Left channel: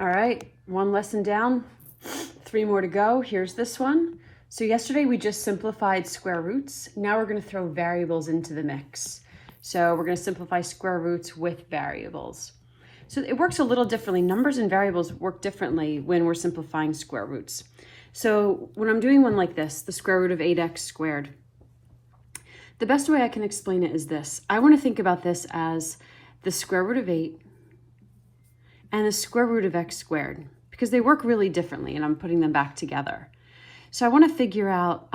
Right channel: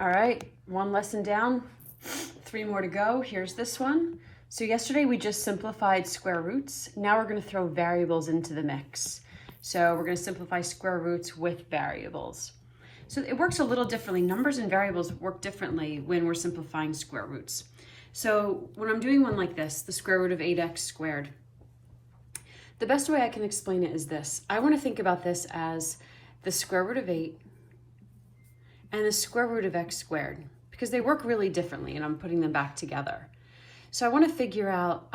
All right, one lesson down, 3 more to go. Here's this one. So yesterday we just simplified square roots. Now we're going to throw variables into the mix. So we're going to simplify square roots with variables. So it works a little differently. Numbers and variables work differently when we're simplifying square roots. So when I'm doing one like this, the square root of 8x squared, the best way I can explain it is this. I want to think about this as the square root of 8 and the square root of x squared, because they work really differently and I'm putting them back together. So I want to figure out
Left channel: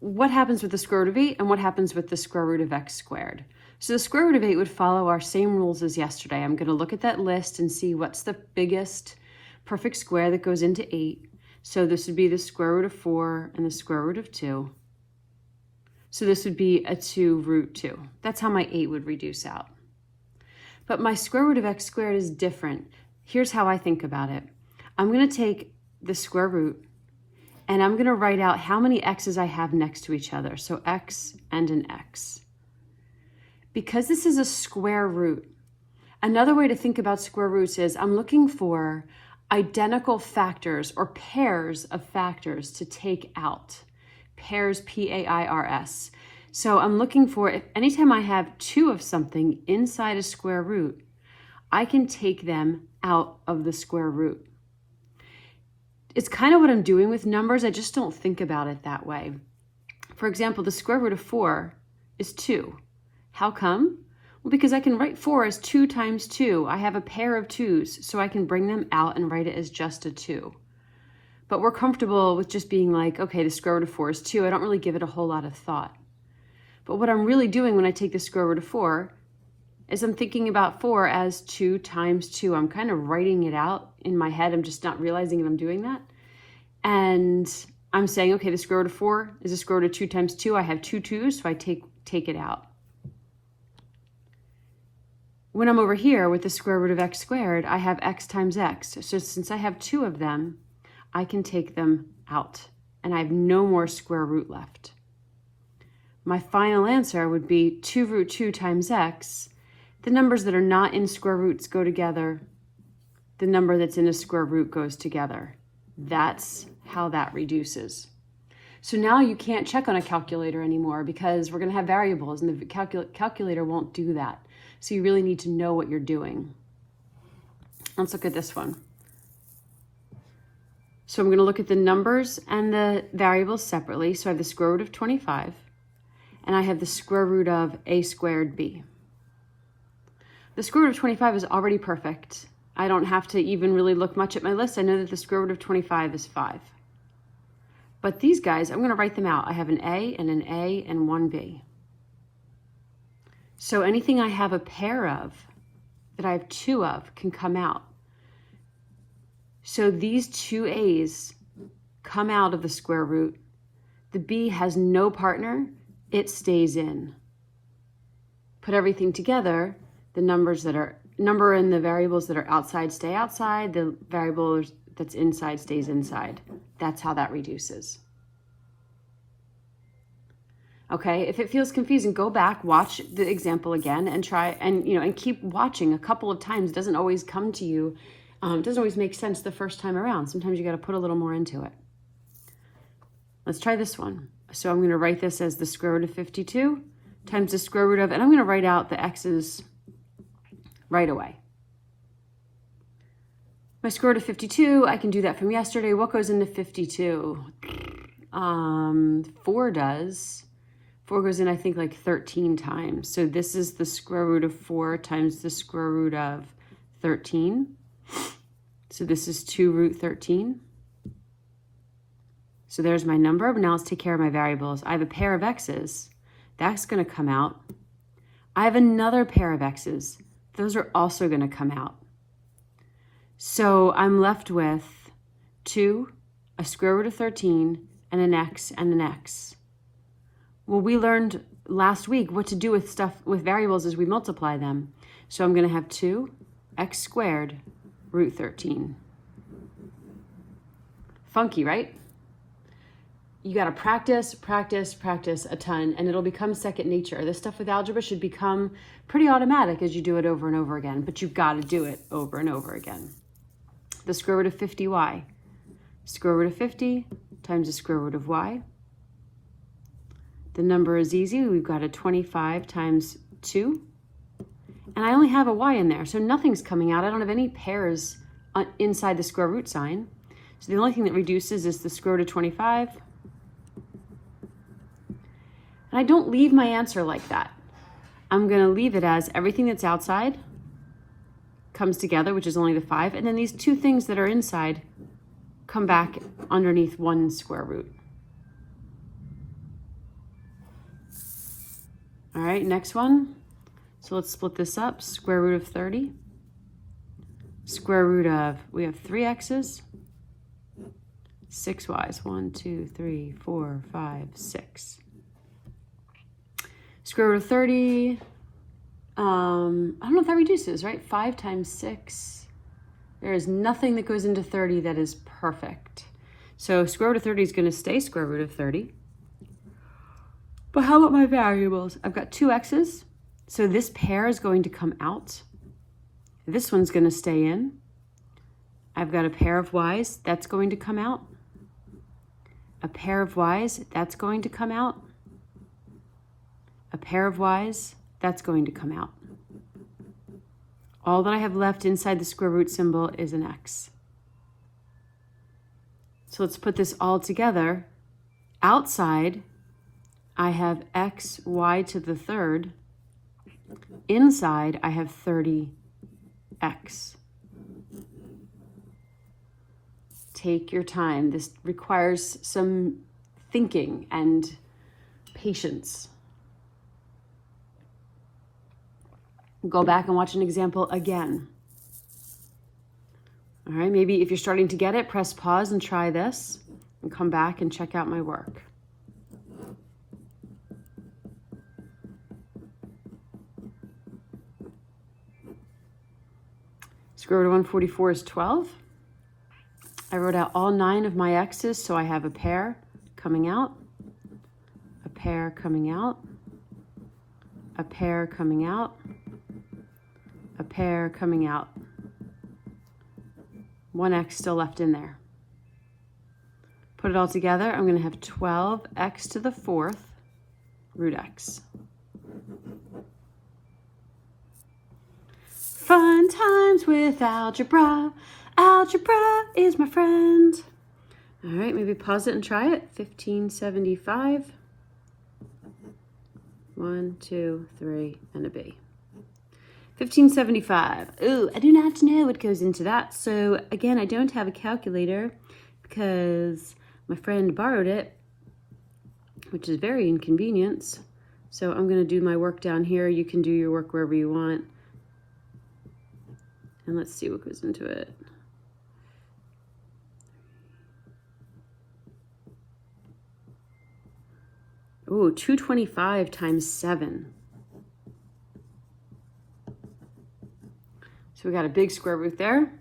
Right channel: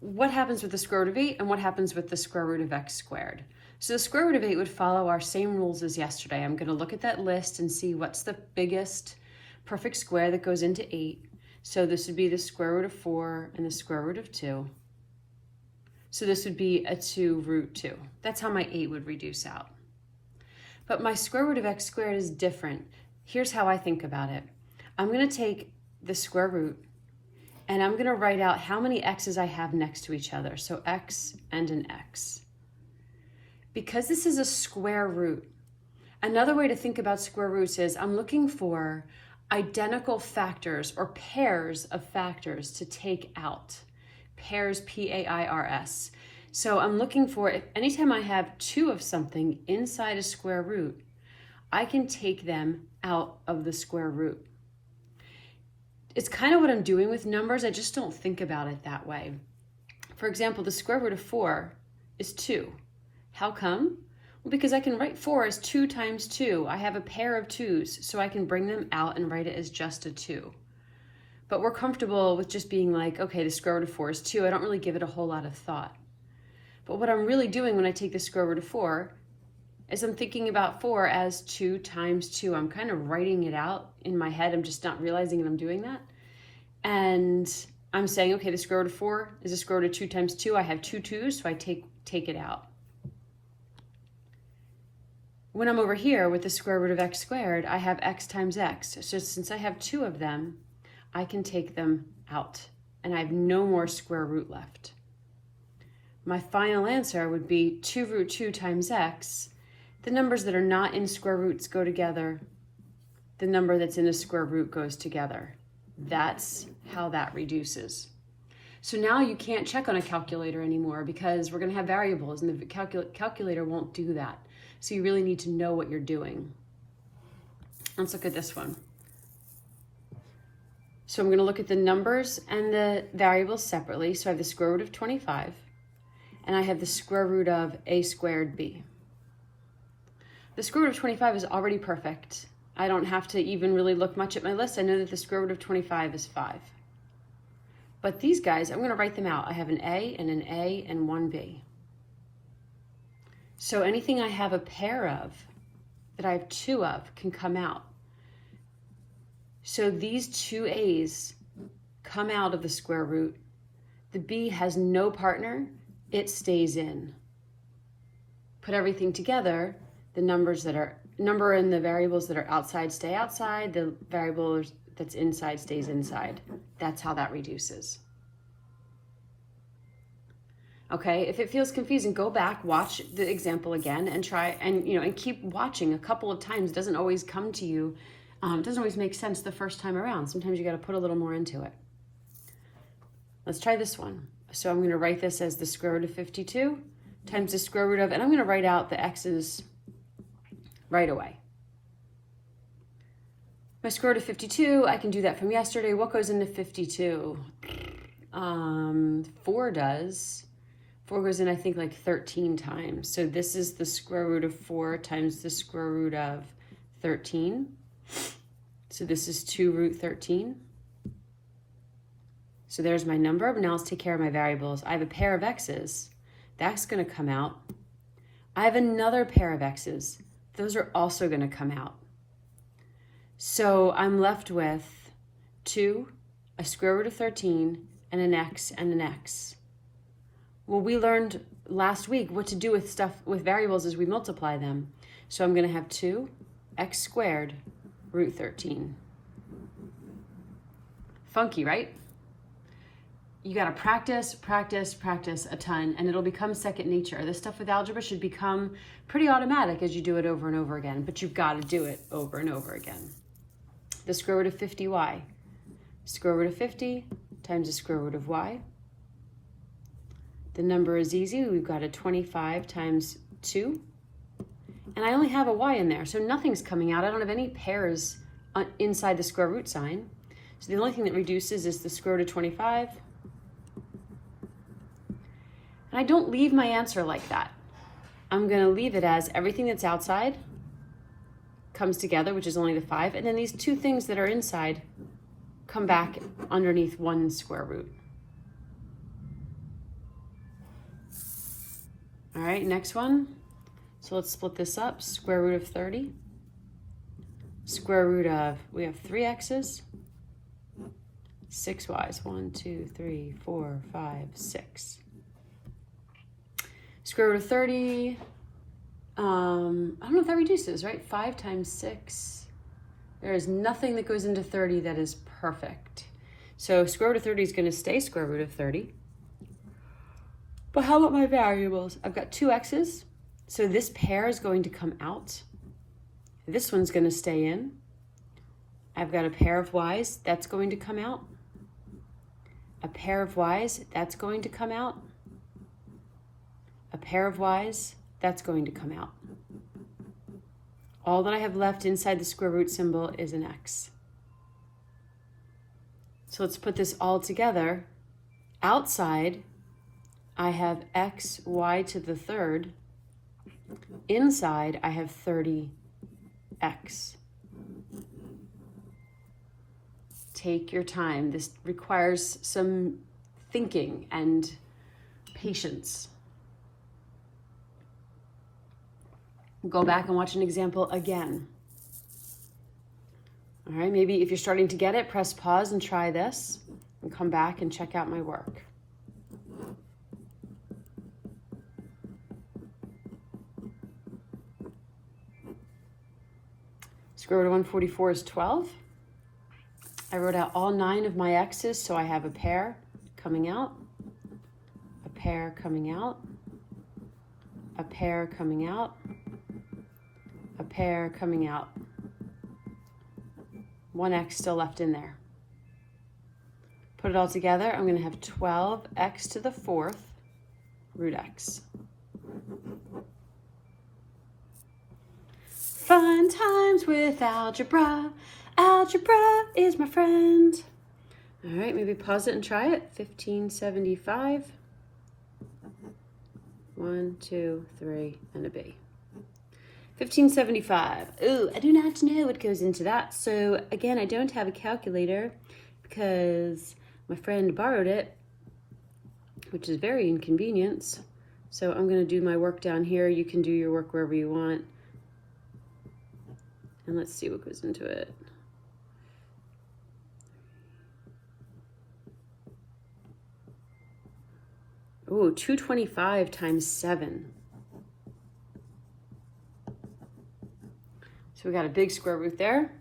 what happens with the square root of 8 and what happens with the square root of x squared. So the square root of 8 would follow our same rules as yesterday. I'm going to look at that list and see what's the biggest perfect square that goes into 8. So this would be the square root of 4 and the square root of 2. So this would be a 2 root 2. That's how my 8 would reduce out. But my square root of x squared is different. Here's how I think about it. I'm going to take the square root and I'm going to write out how many x's I have next to each other. So x and an x. Because this is a square root, another way to think about square roots is I'm looking for identical factors or pairs of factors to take out. Pairs, P-A-I-R-S. So I'm looking for, if anytime I have 2 of something inside a square root, I can take them out of the square root. It's kind of what I'm doing with numbers. I just don't think about it that way. For example, the square root of 4 is 2. How come? Well, because I can write 4 as 2 times 2. I have a pair of 2's, so I can bring them out and write it as just a 2. But we're comfortable with just being like, okay, the square root of 4 is 2. I don't really give it a whole lot of thought. But what I'm really doing when I take the square root of 4 is I'm thinking about 4 as 2 times 2. I'm kind of writing it out in my head. I'm just not realizing that I'm doing that. And I'm saying, okay, the square root of 4 is the square root of 2 times 2. I have 2 2's, so I take it out. When I'm over here with the square root of x squared, I have x times x. So since I have 2 of them, I can take them out. And I have no more square root left. My final answer would be 2 root 2 times x. The numbers that are not in square roots go together. The number that's in a square root goes together. That's how that reduces. So now you can't check on a calculator anymore because we're going to have variables and the calculator won't do that. So you really need to know what you're doing. Let's look at this one. So I'm going to look at the numbers and the variables separately. So I have the square root of 25. And I have the square root of a squared b. The square root of 25 is already perfect. I don't have to even really look much at my list. I know that the square root of 25 is 5. But these guys, I'm going to write them out. I have an A and one B. So anything I have a pair of, that I have 2 of, can come out. So these 2 A's come out of the square root. The B has no partner. It stays in. Put everything together, the number and the variables that are outside stay outside, the variable that's inside stays inside. That's how that reduces. Okay, if it feels confusing, go back, watch the example again and try and keep watching a couple of times. It doesn't always come to you. It doesn't always make sense the first time around. Sometimes you got to put a little more into it. Let's try this one. So I'm going to write this as the square root of 52 times the square root of, and I'm going to write out the x's right away. My square root of 52, I can do that from yesterday. What goes into 52? 4 does. 4 goes in, I think, like 13 times. So this is the square root of 4 times the square root of 13. So this is 2 root 13. So there's my number, but now let's take care of my variables. I have a pair of x's. That's going to come out. I have another pair of x's. Those are also going to come out. So I'm left with 2, a square root of 13, and an x and an x. Well, we learned last week what to do with variables is we multiply them. So I'm going to have 2 x squared root 13. Funky, right? You got to practice a ton, and it'll become second nature. This stuff with algebra should become pretty automatic as you do it over and over again, but you've got to do it over and over again. the square root of 50y. Square root of 50 times the square root of y. The number is easy. We've got a 25 times 2. And I only have a y in there, so nothing's coming out. I don't have any pairs inside the square root sign. So the only thing that reduces is the square root of 25. And I don't leave my answer like that. I'm going to leave it as everything that's outside comes together, which is only the 5. And then these two things that are inside come back underneath one square root. All right, next one. So let's split this up. Square root of 30. Square root of, we have 3 x's, 6 y's. 1, 2, 3, 4, 5, 6. Square root of 30. I don't know if that reduces, right? 5 times 6. There is nothing that goes into 30 that is perfect. So square root of 30 is going to stay square root of 30. But how about my variables? I've got 2 x's. So this pair is going to come out. This one's going to stay in. I've got a pair of y's. That's going to come out. A pair of y's. That's going to come out. A pair of y's. That's going to come out. All that I have left inside the square root symbol is an x. So let's put this all together. Outside, I have x, y to the third. Inside, I have 30x. Take your time. This requires some thinking and patience. Go back and watch an example again. All right, maybe if you're starting to get it, press pause and try this and come back and check out my work. Square root of 144 is 12. I wrote out all 9 of my x's, so I have a pair coming out, a pair coming out, a pair coming out, a pair coming out. 1 x still left in there. Put it all together, I'm going to have 12x to the 4th root x. Fun times with algebra. Algebra is my friend. All right, maybe pause it and try it. 1575. 1, 2, 3, and a B. 1575. Ooh, I do not know what goes into that. So again, I don't have a calculator because my friend borrowed it, which is very inconvenient. So I'm going to do my work down here. You can do your work wherever you want. And let's see what goes into it. Ooh, 225 times 7. So we got a big square root there.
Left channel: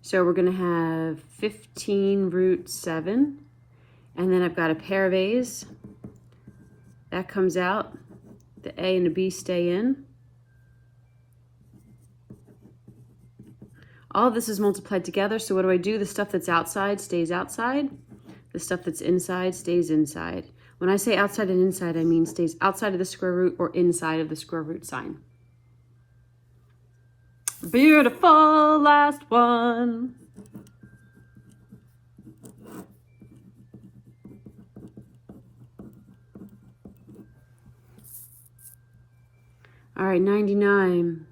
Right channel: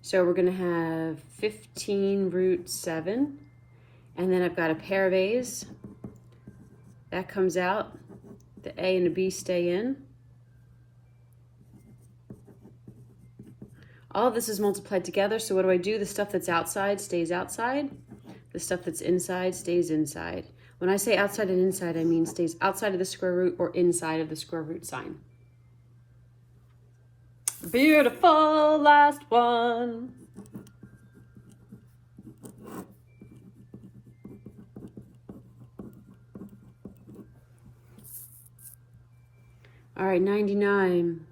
So we're going to have 15 root 7. And then I've got a pair of a's. That comes out. The a and the b stay in. All of this is multiplied together. So what do? The stuff that's outside stays outside. The stuff that's inside stays inside. When I say outside and inside, I mean stays outside of the square root or inside of the square root sign. Beautiful, last one. All right, 99.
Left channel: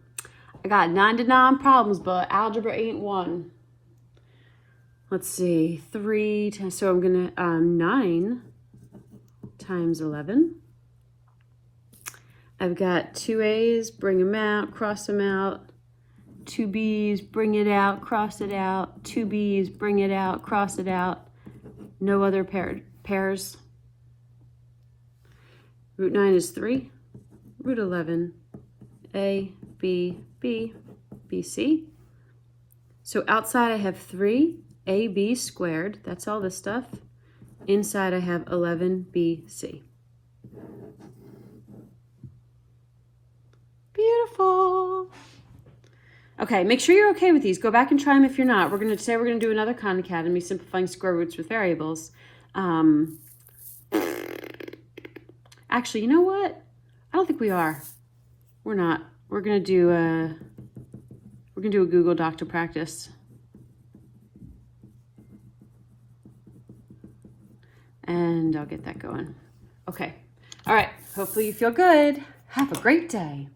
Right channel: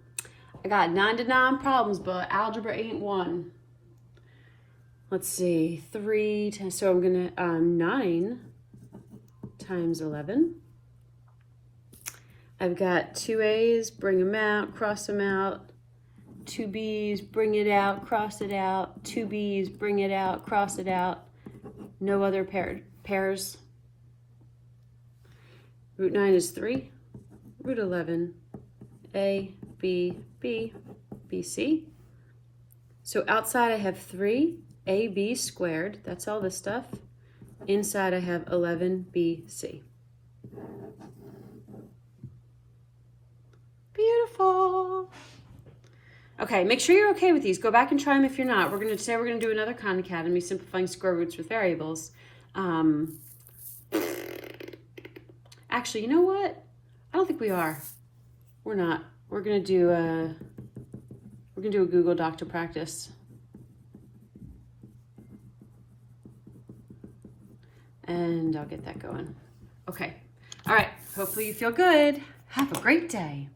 I got 99 problems, but algebra ain't one. Let's see, 3 times, so I'm gonna, 9 times 11. I've got 2 A's, bring them out, cross them out. 2 B's, bring it out, cross it out. 2 B's, bring it out, cross it out. No other pairs. Root 9 is 3. Root 11, A, B, B, B, C. So outside I have 3, AB squared. That's all this stuff. Inside I have 11, B, C. Beautiful. Okay. Okay, make sure you're okay with these. Go back and try them if you're not. We're going to do another Khan Academy, simplifying square roots with variables. Actually, you know what? I don't think we are. We're not. We're going to do a Google Doc to practice. And I'll get that going. Okay. All right. Hopefully you feel good. Have a great day.